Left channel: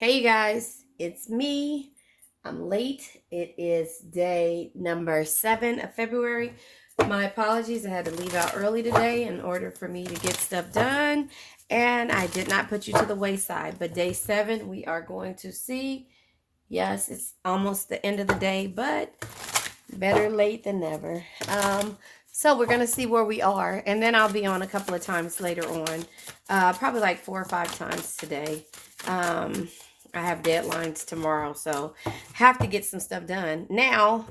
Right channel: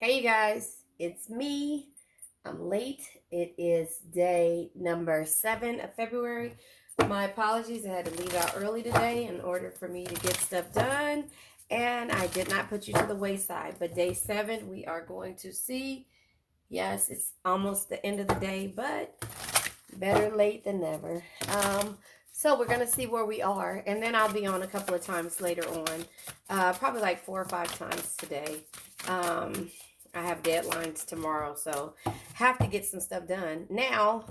Hey you guys, it's me. I'm late. It is day number 7 of February. My apologies. I had to leave out early today in order for me to get stuff done. And I did not put you to the wayside. But day 7, we are going to see. Yes, it's almost the end of the day, but better late than never. So we're going to see where we are. And then I'll be on a couple of times later on. Probably like 4 or 5 times today. I have deadlines tomorrow, so have to get some stuff done. Now,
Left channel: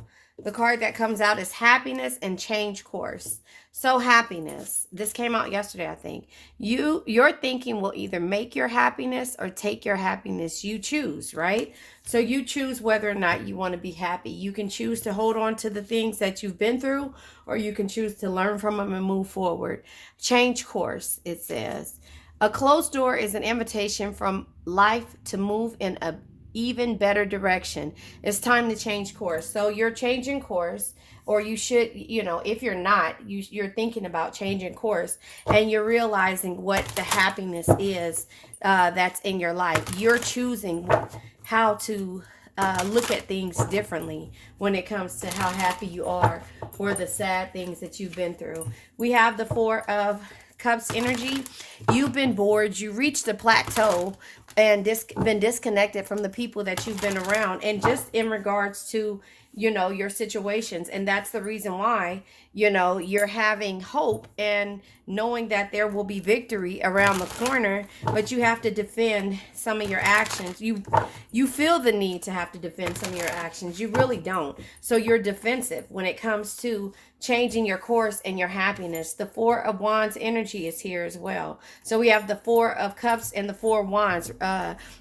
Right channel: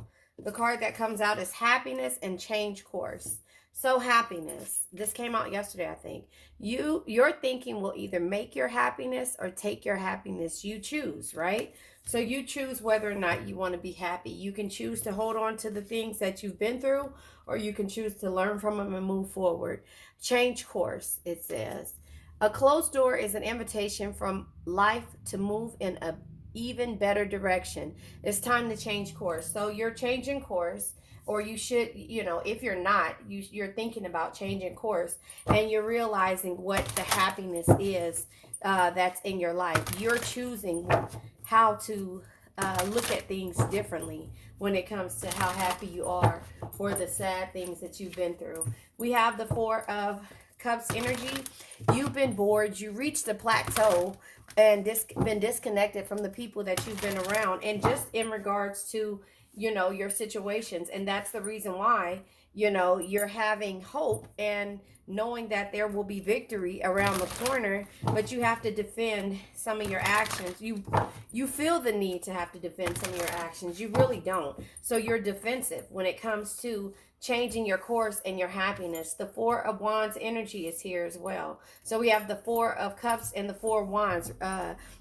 the card that comes out is happiness and change course. So happiness. This came out yesterday, I think. Your thinking will either make your happiness or take your happiness. You choose, right? So you choose whether or not you want to be happy. You can choose to hold on to the things that you've been through, or you can choose to learn from them and move forward. Change course, it says. A closed door is an invitation from life to move in a even better direction. It's time to change course. So you're changing course, or you should, if you're not, you're thinking about changing course, and you're realizing what the happiness is that's in your life. You're choosing how to look at things differently when it comes to how happy you are or the sad things that you've been through. We have the Four of Cups energy. You've been bored. You reached a plateau and been disconnected from the people that you've been around, and just in regards to your situations. And that's the reason why you're having hope and knowing that there will be victory around the corner, but you have to defend some of your actions. You feel the need to have to defend some of your actions. You really don't. So you're defensive when it comes to changing your course and your happiness. The Four of Wands energy is here as well. So we have the Four of Cups and the Four of Wands.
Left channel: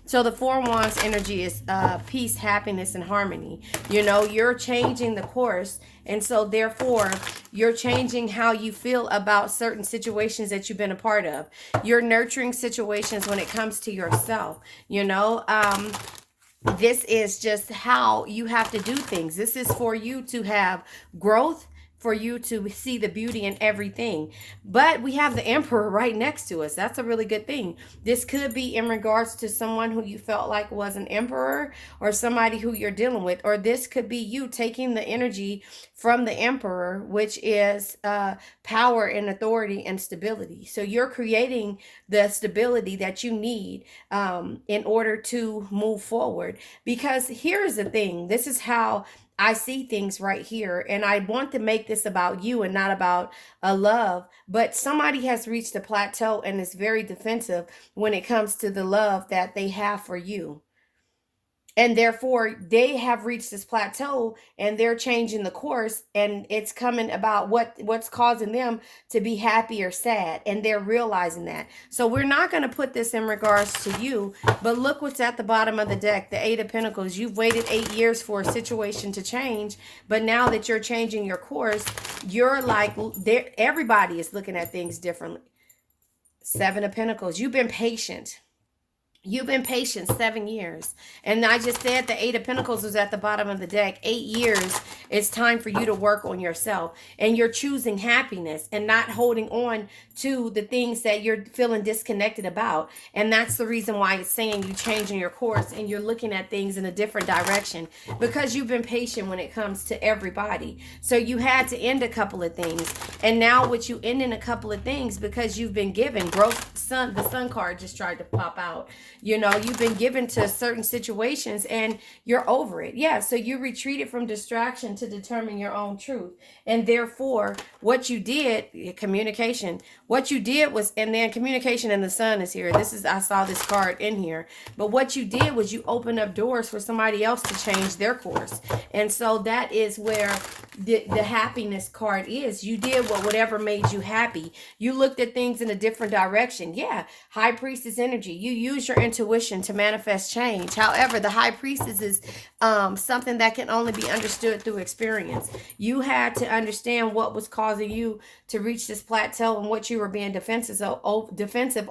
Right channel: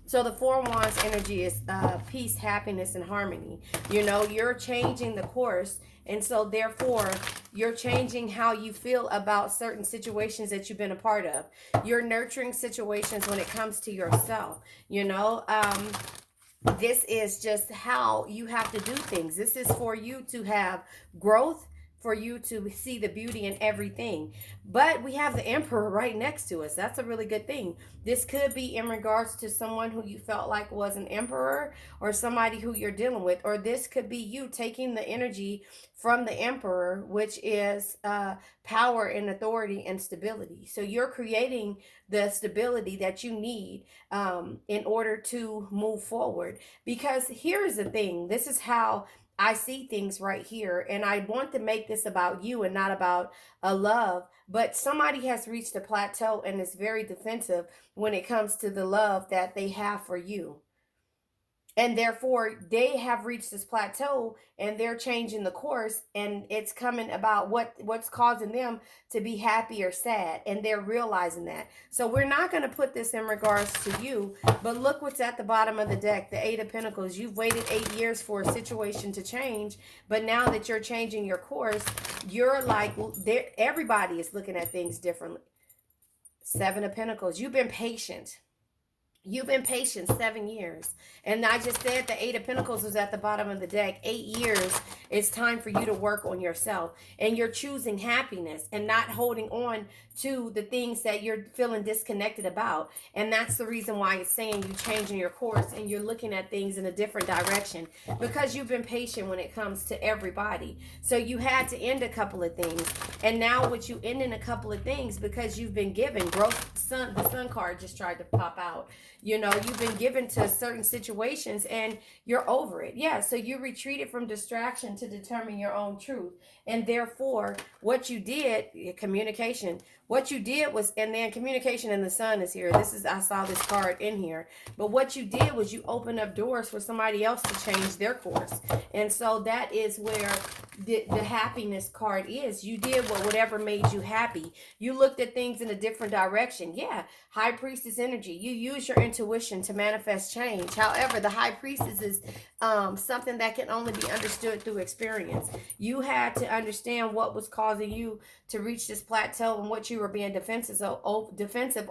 So the Four of Wands energy is peace, happiness, and harmony. You're changing the course, and so therefore you're changing how you feel about certain situations that you've been a part of. You're nurturing situations when it comes to yourself. This is just how you have to do things. This is for you to have growth, for you to see the beauty in everything. But we have the Emperor right next to us. That's a really good thing. This could be in regards to someone who you felt like was an emperor, or somebody who you're dealing with, or this could be you taking the energy from the Emperor, which is power and authority and stability. So you're creating the stability that you need in order to move forward. Because here's the thing, this is how I see things right here, and I want to make this about you and not about a love. But somebody has reached a plateau and is very defensive when it comes to the love that they have for you, and therefore they have reached this plateau and they're changing the course, and it's coming about what's causing them to be happy or sad, and they're realizing that. So we're not going to put this in regards to you, but look what's at the bottom of the deck, the Eight of Pentacles. You've waited 8 years for a situation to change, but now that you're changing your course, you're like, everybody is looking at things differently. Seven of Pentacles. You've been patient. You've been patient 7 years. And I just said the Eight of Pentacles was at the bottom of the deck. 8 years, it's time for you to work on yourself. And you're choosing happiness and not holding on to the things that you're feeling disconnected about. And that's the reason why it's saying you're changing your course and you're looking at things in a different direction, because you've been patient when it comes to everybody. So you had to end a couple of things. And now with you ending a couple of things, because you've been given growth, the sun card just tried to pop out. You've been given to certain situations and you're over it. Yeah, so you retreated from distraction to determine your own truth. And therefore, what you did, communication, what you did was, and then communication and the sun is here. I saw this card in here. But what you did was you opened up doors for somebody else to change their course. And so that is where the happiness card is. You did whatever made you happy. You looked at things in a different direction. Yeah, High Priestess energy. You use your intuition to manifest change. However, the High Priestess is something that can only be understood through experience. You had to understand what was causing you to reach this plateau and what you were being defensive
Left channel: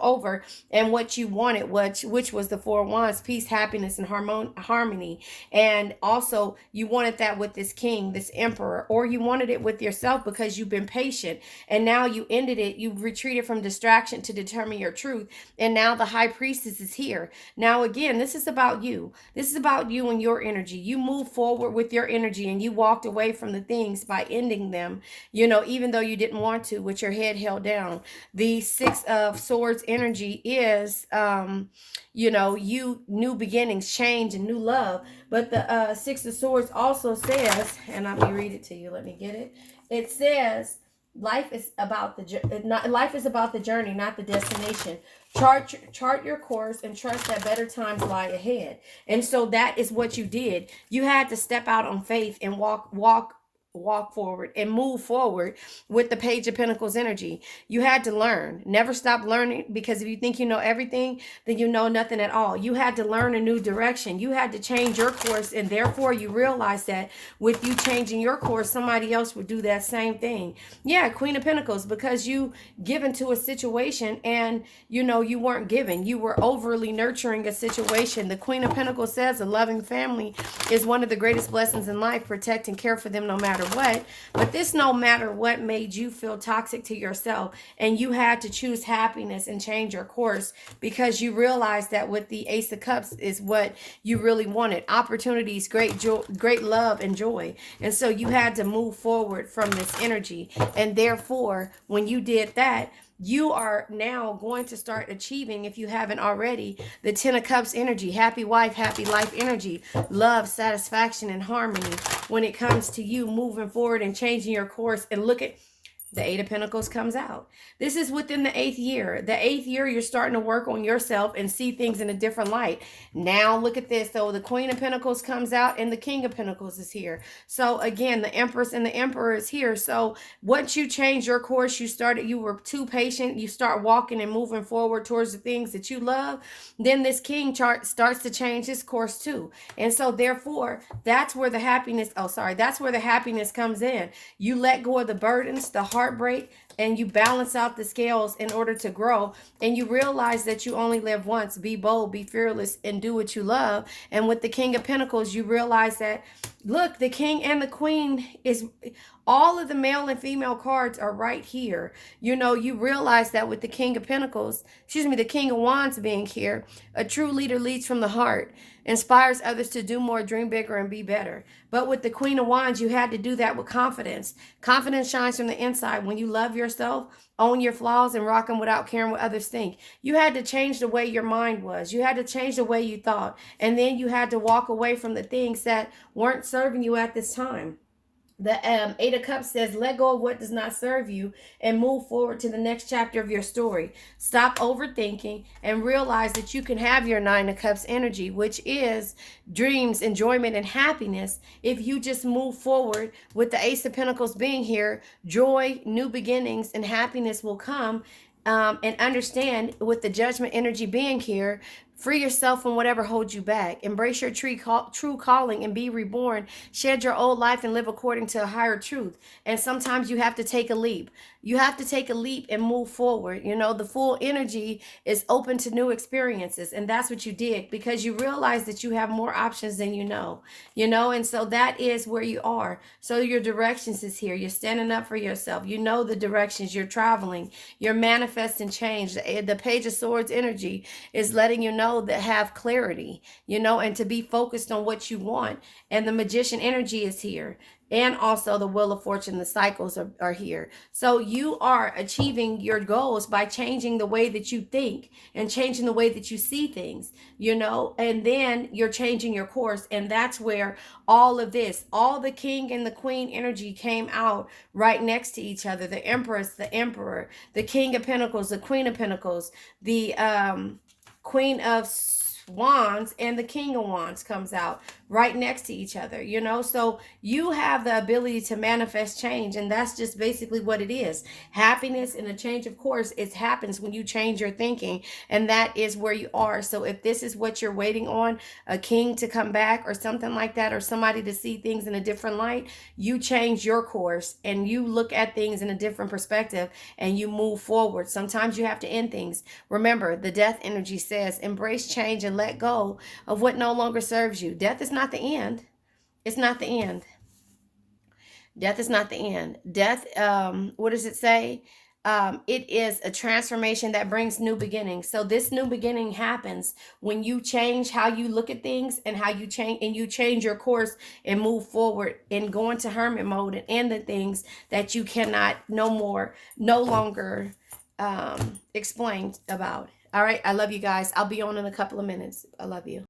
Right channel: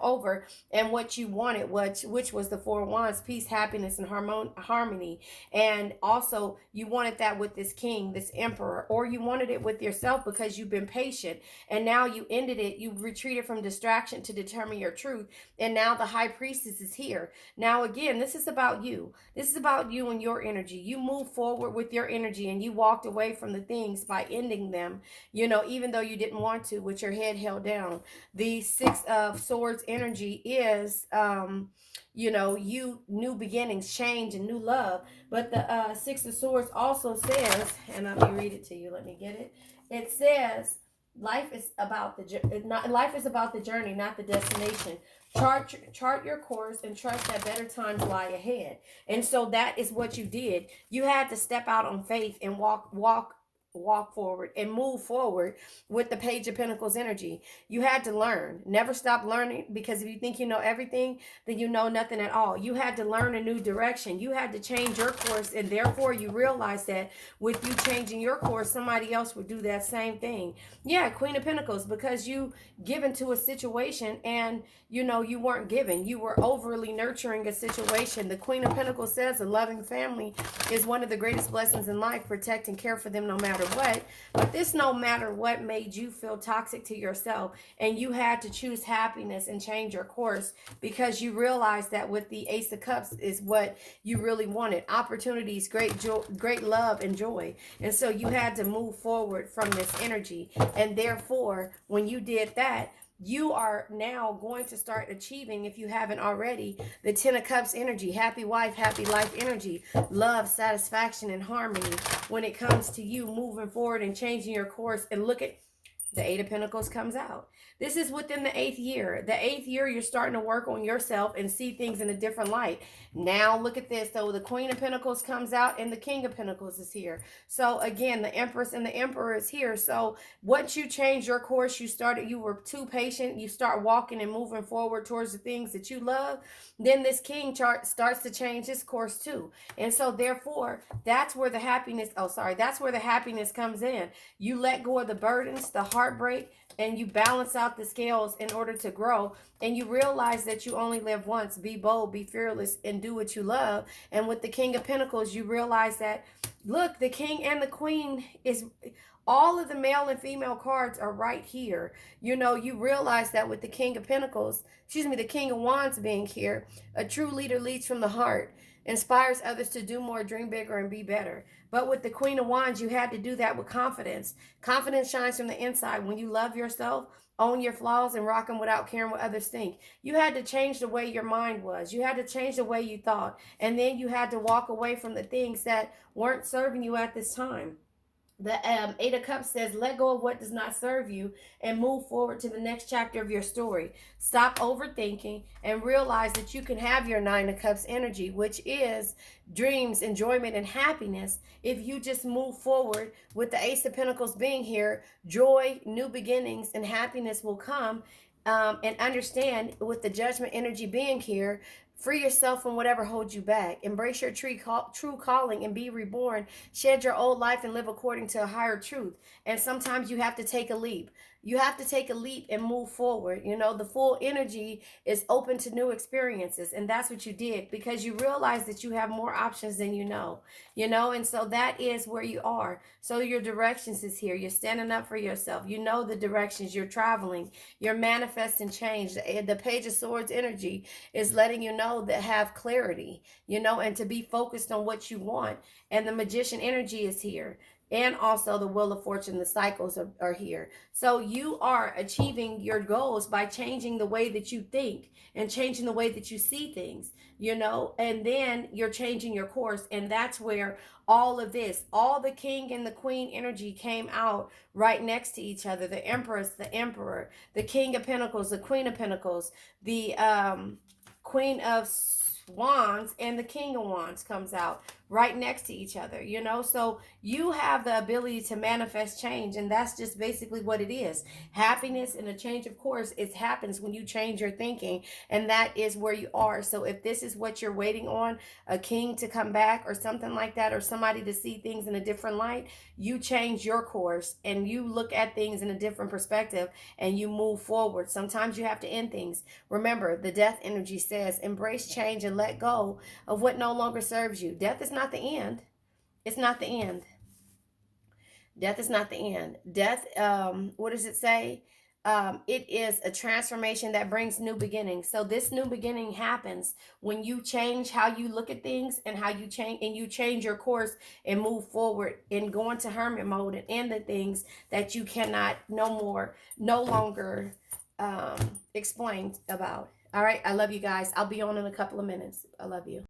over, and what you wanted, which was the Four of Wands, peace, happiness, and harmony. And also you wanted that with this king, this emperor, or you wanted it with yourself because you've been patient, and now you ended it. You retreated from distraction to determine your truth, and now the High Priestess is here. here. Now, again, this is about you. This is about you and your energy. You move forward with your energy and you walked away from the things by ending them, even though you didn't want to, with your head held down. The Six of Swords energy is, you new beginnings, change, and new love. But the Six of Swords also says, and let me read it to you. Let me get it. It says, life is about the journey, not the destination. Chart your course and trust that better times lie ahead. And so that is what you did. You had to step out on faith and walk forward and move forward with the Page of Pentacles energy. You had to learn. Never stop learning, because if you think you know everything, then you know nothing at all. You had to learn a new direction. You had to change your course, and therefore you realize that with you changing your course, somebody else would do that same thing. Yeah, Queen of Pentacles, because you given to a situation and you weren't given. You were overly nurturing a situation. The Queen of Pentacles says a loving family is one of the greatest blessings in life. Protect and care for them no matter what. But this no matter what made you feel toxic to yourself, and you had to choose happiness and change your course because you realized that with the Ace of Cups is what you really wanted. Opportunities, great joy, great love and joy. And so you had to move forward from this energy. And therefore, when you did that, you are now going to start achieving, if you haven't already, the Ten of Cups energy, happy wife, happy life energy, love, satisfaction, and harmony when it comes to you moving forward and changing your course. And look at the Eight of Pentacles comes out. This is within the 8th year. The 8th year, you're starting to work on yourself and see things in a different light. Now, look at this. So the Queen of Pentacles comes out and the King of Pentacles is here. So again, the Empress and the Emperor is here. So once you change your course, you were too patient. You start walking and moving forward towards the things that you love. Then this King chart starts to change his course too. And so therefore, that's where the happiness comes in. You let go of the burdens, the heartbreak, and you balance out the scales in order to grow. And you realize that you only live once. Be bold, be fearless, and do what you love. And with the King of Pentacles, you realize that, look, the King and the Queen is... all of the male and female cards are right here. You realize that with the King of Pentacles, the King of Wands being here, a true leader leads from the heart, inspires others to do more, dream bigger, and be better. But with the Queen of Wands, you had to do that with confidence. Confidence shines from the inside. When you love yourself, own your flaws, and rock them without caring what others think. You had to change the way your mind was. You had to change the way you thought. And then you had to walk away from the things that weren't serving you at this time. The Eight of Cups says, let go of what does not serve you and move forward to the next chapter of your story. Stop overthinking and realize that you can have your Nine of Cups energy, which is dreams, enjoyment, and happiness. If you just move forward with the Ace of Pentacles being here, joy, new beginnings, and happiness will come. And understand, with the Judgment energy being here, free yourself from whatever holds you back. Embrace your true calling and be reborn. Shed your old life and live according to a higher truth. And sometimes you have to take a leap. You have to take a leap and move forward. The full energy is open to new experiences. And that's what you did, because you realize that you have more options than and so that is where you are. So your directions is here. You're standing up for yourself. You know the directions you're traveling. You're manifesting change. The Page of Swords energy is letting you know that have clarity, and to be focused on what you want. And the Magician energy is here. And also the Wheel of Fortune, the cycles are here. So you are achieving your goals by changing the way that you think and changing the way that you see things, and then you're changing your course. And that's where all of this, all the King and the Queen energy came out right next to each other. The Empress, the Emperor, the King of Pentacles, the Queen of Pentacles, the Queen of Wands, and the King of Wands comes out right next to each other, so you have the ability to manifest change. And that's just basically what it is. Happiness and a change of course, it happens when you change your thinking, and that is where you are. So if this is what you're waiting on, a king to come back or something like that, or somebody to see things in a different light, you change your course and you look at things in a different perspective and you move forward. Sometimes you have to end things. Remember, the Death energy says, embrace change and let go of what no longer serves you. Death is not the end. It's not the end. Death is not the end. Death, what does it say? it is a transformation that brings new beginnings. So this new beginning happens when you change how you look at things, and how you change your course and move forward and go into hermit mode and end the things that you cannot no longer explain about. All right. I love you guys. I'll be on in a couple of minutes. I love you.